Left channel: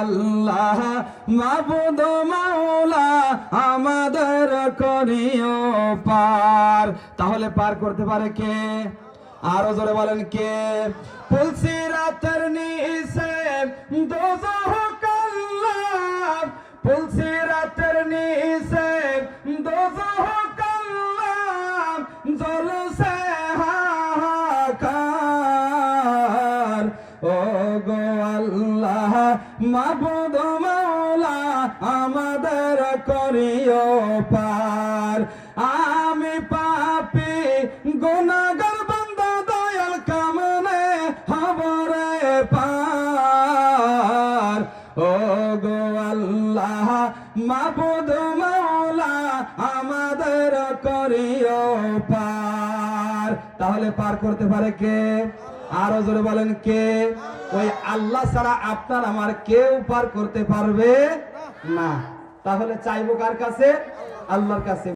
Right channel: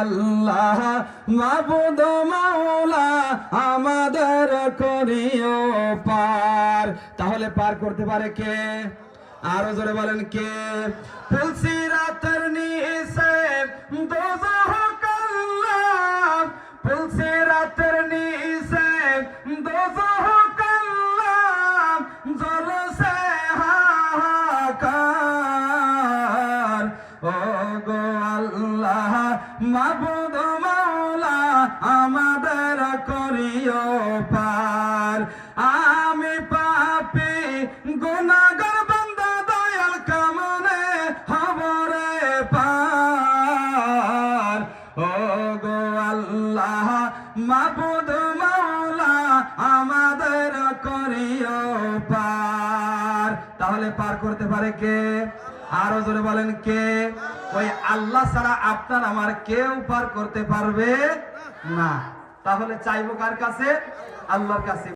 আল্লাহ, মাবুদ মাওলা আমাদের করিও পার। তাহলে পার করতে পারে কে? আরও জোরে বলেন কে? তুলসি রাতের নিচে দোজহ কাল্লাম তুলসি রাতের নিচে দোজহ আল্লাহ মাবুদ মাওলা, আমাদের করিও পার। আমি পাপি, গুনাহগার বান্দা, দয়াল কামনে হবরে পার। ও গো আল্লাহ মাবুদ মাওলা, আমাদের করিও তাহলে পার করতে পারে কে? আরও জোরে বলেন কে? ওই আল্লাহ ছাড়া আপনার আমার কেউ পার করতে পারবে না। তাহলে চাইব কার কাছে? আল্লাহর কাছে।